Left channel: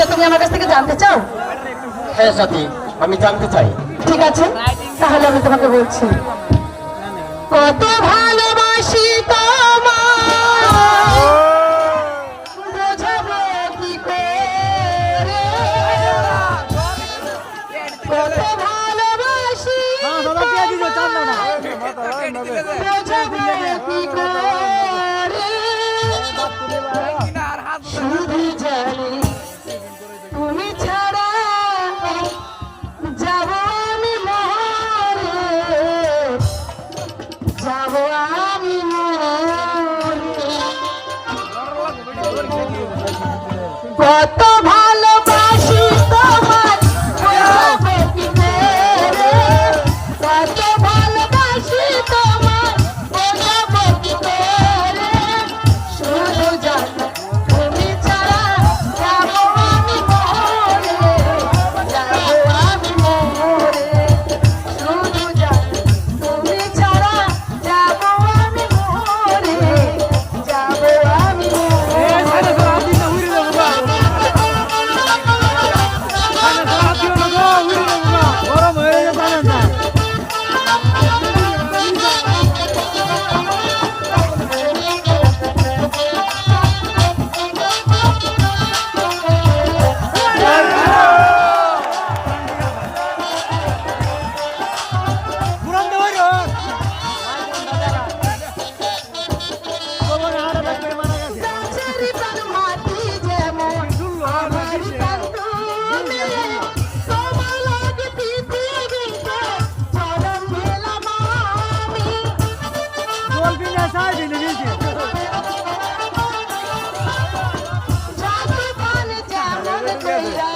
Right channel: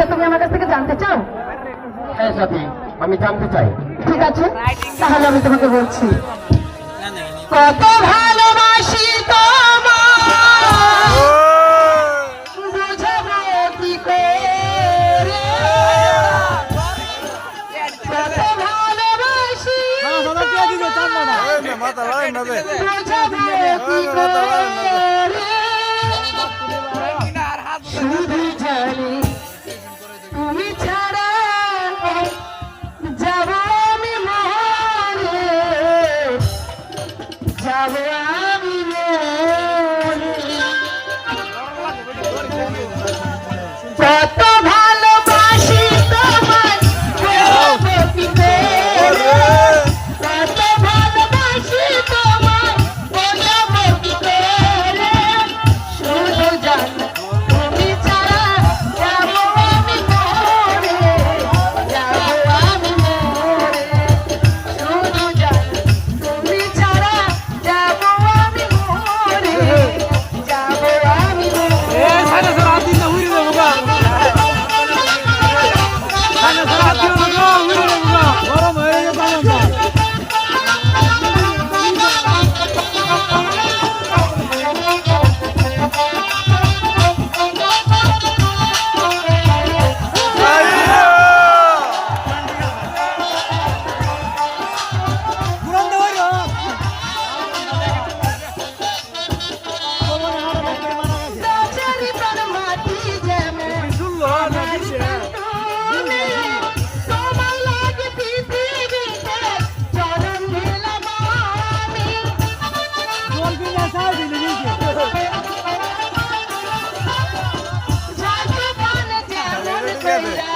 সেটা তুমি আমার কাছ থেকে জানতে চাও? হ্যাঁ সাথী, আমি জানতে চাই। ঠিক আছে, তাহলে আমি তোমাকে বলছি। কত ভালোবাসি তোমায় বোঝাবো কি করে, কত ভালোবাসি বোঝাবো কি করে, শুধু জানি তুমি ছাড়া যাব আমি মরে, যাব আমি মরে। কত ভালোবাসি তোমায় বোঝাবো কি করে, কত ভালোবাসি তোমায় বোঝাবো কি করে, শুধু জানি তুমি ছাড়া যাব আমি মরে, যাব আমি মরে, শুধু জানি তুমি ছাড়া যাব আমি মরে, যাব আমি মরে। গরম হয়ে গেছে গাছেরই প্রাণ মাটি যেমন আমার কান্দনে, তোমার লাগে পৃথিবীতে চরণ ঢেলাম আমি। জল কিনে চাই দিলে নিচে যাকে প্রাণে যেমন কইরা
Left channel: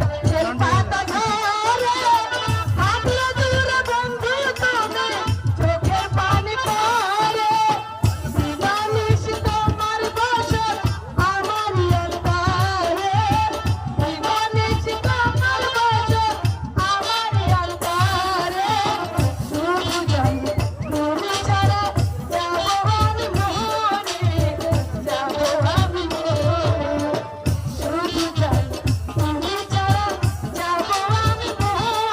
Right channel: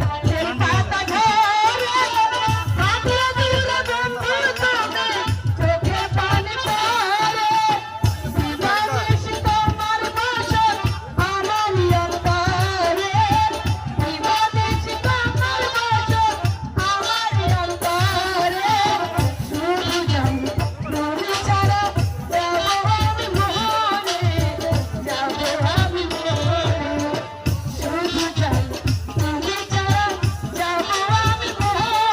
গাছের পাতা ঝরে, থাকলে দূরে বন্ধু তুমি চোখের পানি পড়ে, দিবানিশি তোমার বসত আমারই অন্তরে, দিবানিশি তোমার বসত আমারই অন্তরে, শুধু জানি তুমি ছাড়া যাব আমি মরে, যাব আমি মরে, শুধু জানি তুমি ছাড়া যাব আমি মরে,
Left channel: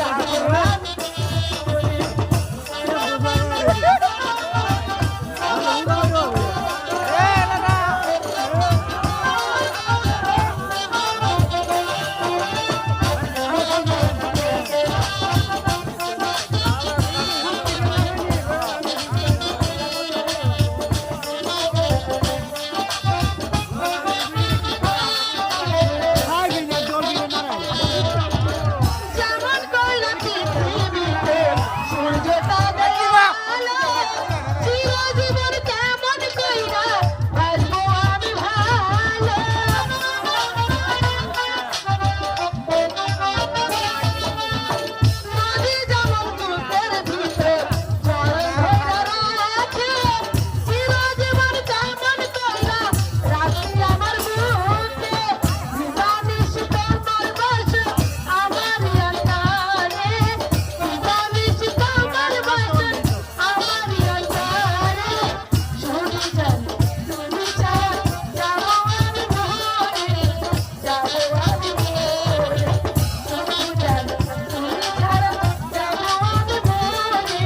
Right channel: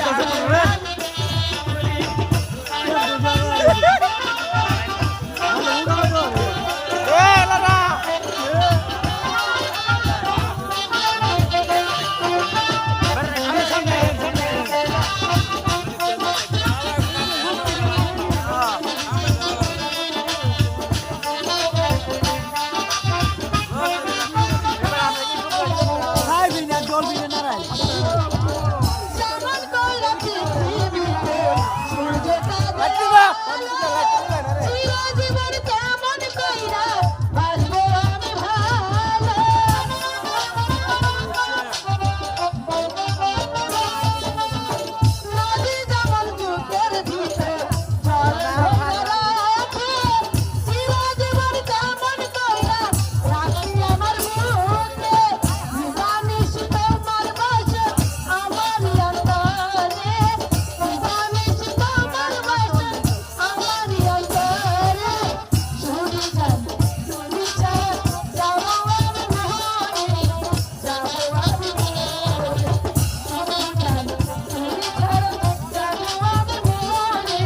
যাব আমি খাই কিনে জল কিনে নারাই যেমন কইরা পৃথিবীতে সূর্যটা দেখো, চিরজীবন কেমন কইরা বাসবো আমি ভালো, নদী যেমন বুকের ভিতরে জল ধরে রাখে, চিরজীবন কেমন কইরা রাখি আমার বুকে, দিবানিশি তোমার বসত আমারই অন্তরে, দিবানিশি তোমার বসত আমারই অন্তরে, শুধু জানি তুমি ছাড়া যাব আমি মরে, যাব আমি মরে, শুধু জানি তুমি ছাড়া যাব আমি মরে,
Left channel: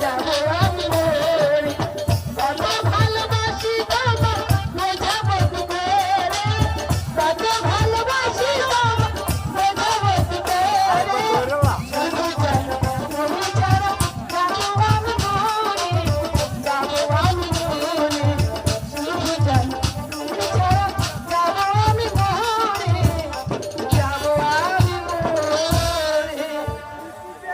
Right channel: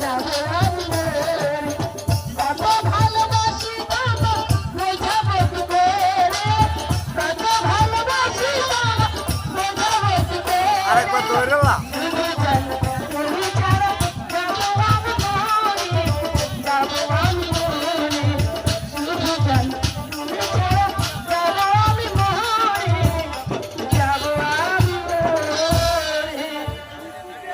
যাব আমি মরে। কত ভালোবাসি তোমায় বোঝাবো কি করে, কত ভালোবাসি তোমায় বোঝাবো কি করে, আরেকবার ধরে না শুধু